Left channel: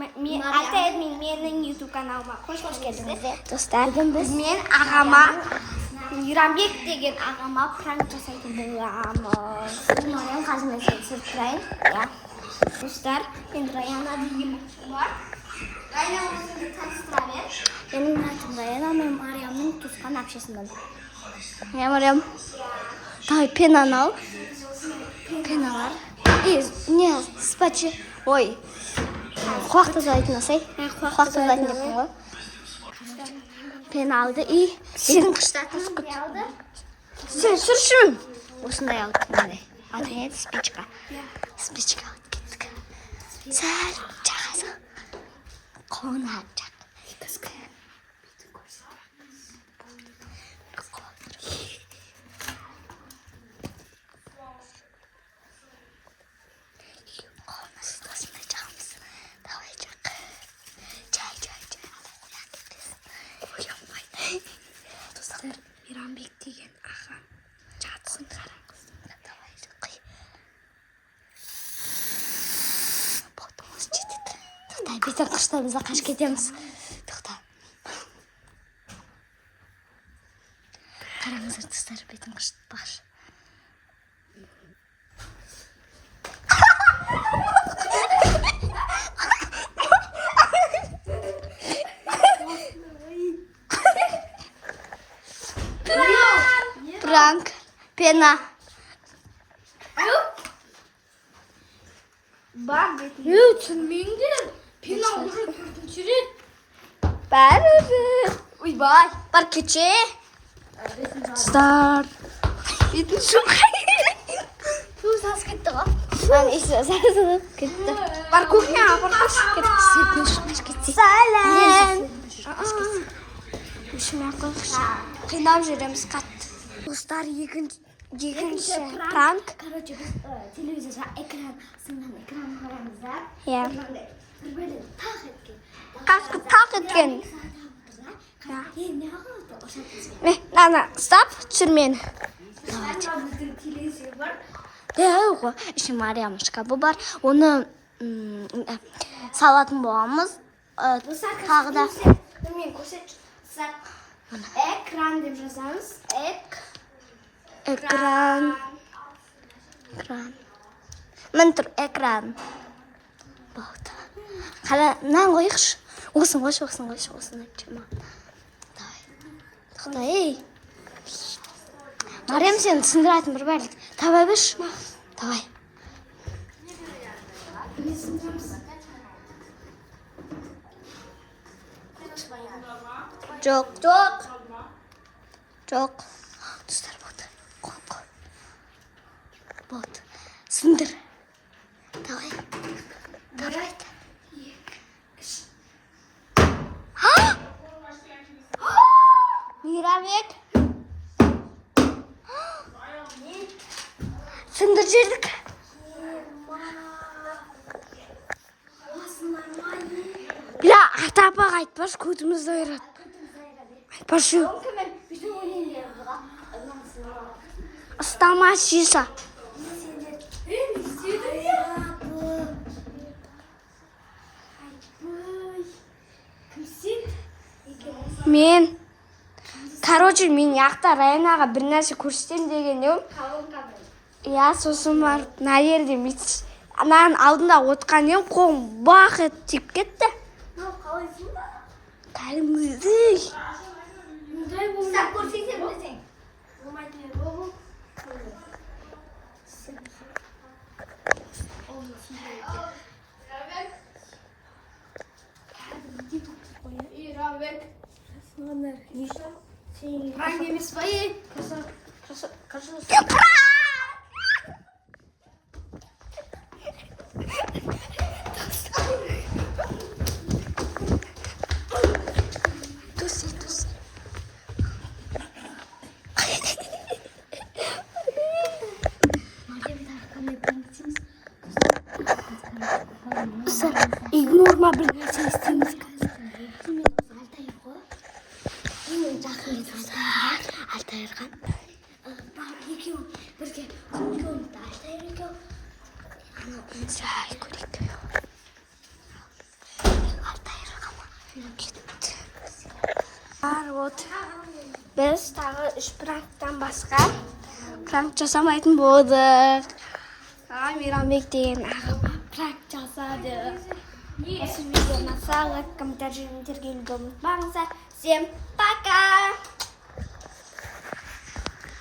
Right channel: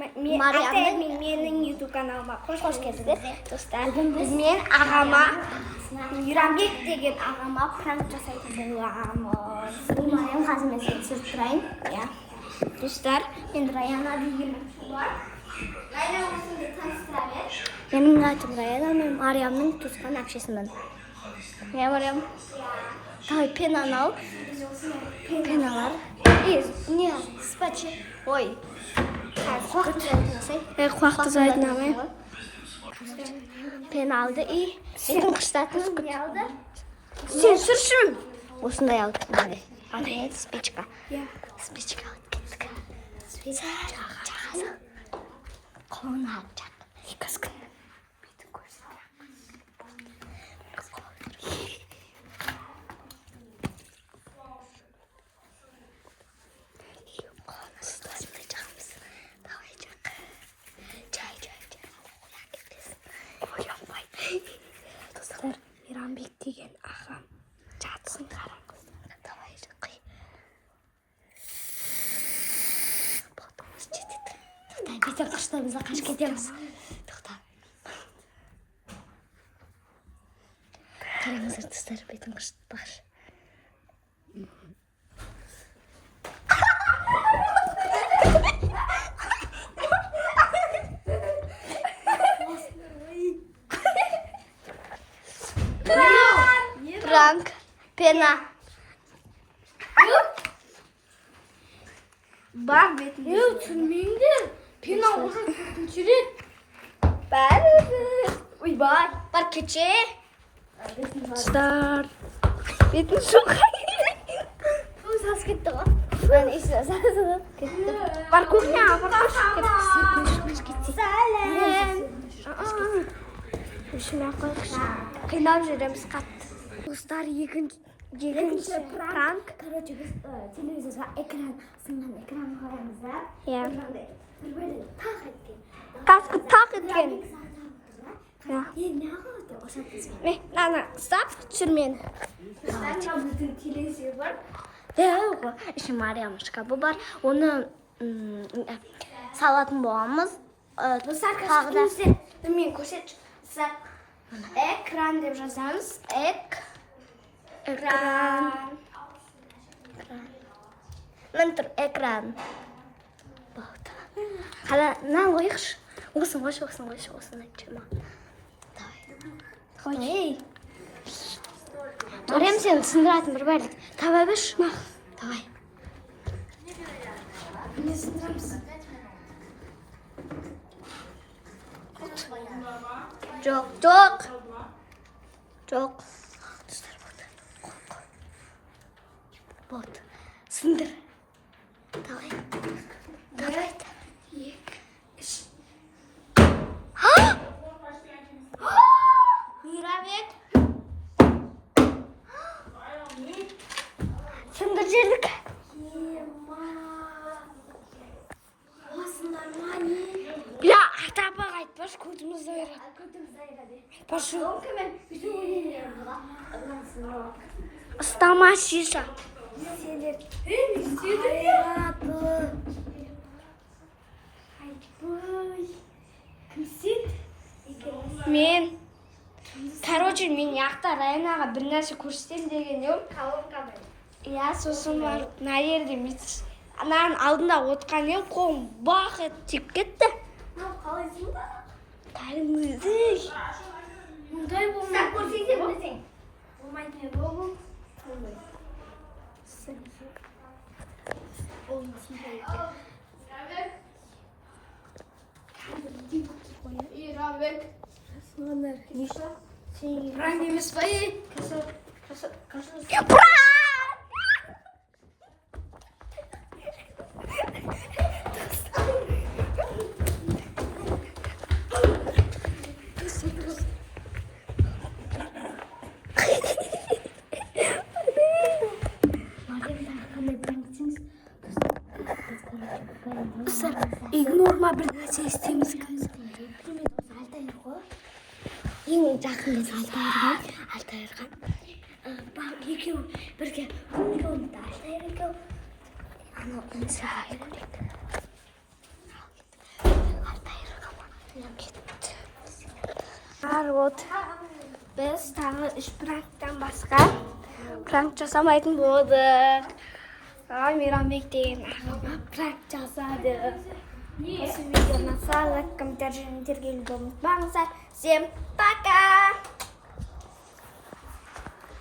менің YouTube каналыма қош келдіңіздер. Достар, мен ағама, Мейрамбек деген ағама пранк жасайтын боламыз. Мен қазір мен сөйлесіп тұрайын. Достар, енді Раяна деген бар. Раяна өзіңді таныстыра бер. Менің атым Раяна, мен Мариямның туысқан әпшесімін. Мариям, давай пенаны ал. Пеналар. Не, спачи. Ой. Қуақты зайтын асай. Қуақты зайтын дептің ғой. Пен алды. Сенің қыштатын алды. Сен сүршін. Осындай алды. Аты еді спичка. Спичка алды кеттік. Сәл жағасы. Қолын алып жақ. Екізгі. Бейтін көрсін. Мейрамбек деген ағам жатсын қараңғысында давай жақай. Ботымыз жетеді. Тоқта, бетін қыштарымызда қаш кетеміз. Тоқта. Қараңыздар достар, бетін қышты бақшы. Пранк, пена. Bak betim. Түсірмеңдер. Pena almak üçüncü. Бәрі. Ой, бар кече. Стар. Бетін шоқай. Бұл сас кетті ғой. Сас кетті. Бар кухня, бар кетті. Сәлем. Үшіме қойқышы. Қинап жүреміз қатты. Достар, екінші пранк. Короче, biz televizorda ekran, sınırdan ekran koyamızlar. Ya. Böyle tak etken. Kaskı tak etken. Ya. Ne oldu? O şarkısı. Ne? Nana, stop. Түсір мені. Bizim televizor var. Ғой, іші Мариямышқа бұл бар. Оны салатын боламыз. Тағы да. Мен көрсет. Ekran деп жазамыз. Экран. Мін тұр, экран. Болды. Қала, нан қойықшы. Осын қойшы. Тоқта, ей. Мариям, сені түсіндіратын бір бәлік. Табай бірш. Давай. Не сындырамыз? Жоқ. Достар, болды. Қой. Болды. Сындыр. Давай. Мейрамбек. Сындыр жердік. Бля, ата-апаға айтпаш, көтімізді ойрат. Айтпашы. Ұстама шиша. Мен. Короче, мен яқта Раянаға бір нәрсе көрсетем деген ем. Я сосын бар, наерде метсіз. Ананың алдында отқан ем, қолым бақ ет тиіп кетті. Кәлімізді. Sen көрсетсе білсең. Болмайтын болу. Мейрамбек. Пранк емес па е? Игнорма бір нәрсе істейміз қазір. Ең жақын Алтайырған. Екеуі бірге көңіл болыпты. Алтайыр екеуі. Анау сәл көрейік. Вот. Biz tағы 3 pranktan басқа prank жасамайтын болдық. Мейрамбек деген ағама prank жасадық. Осы видеоны лайк, комментарий және тергеуді ұмытпаңыздар. Всем пока!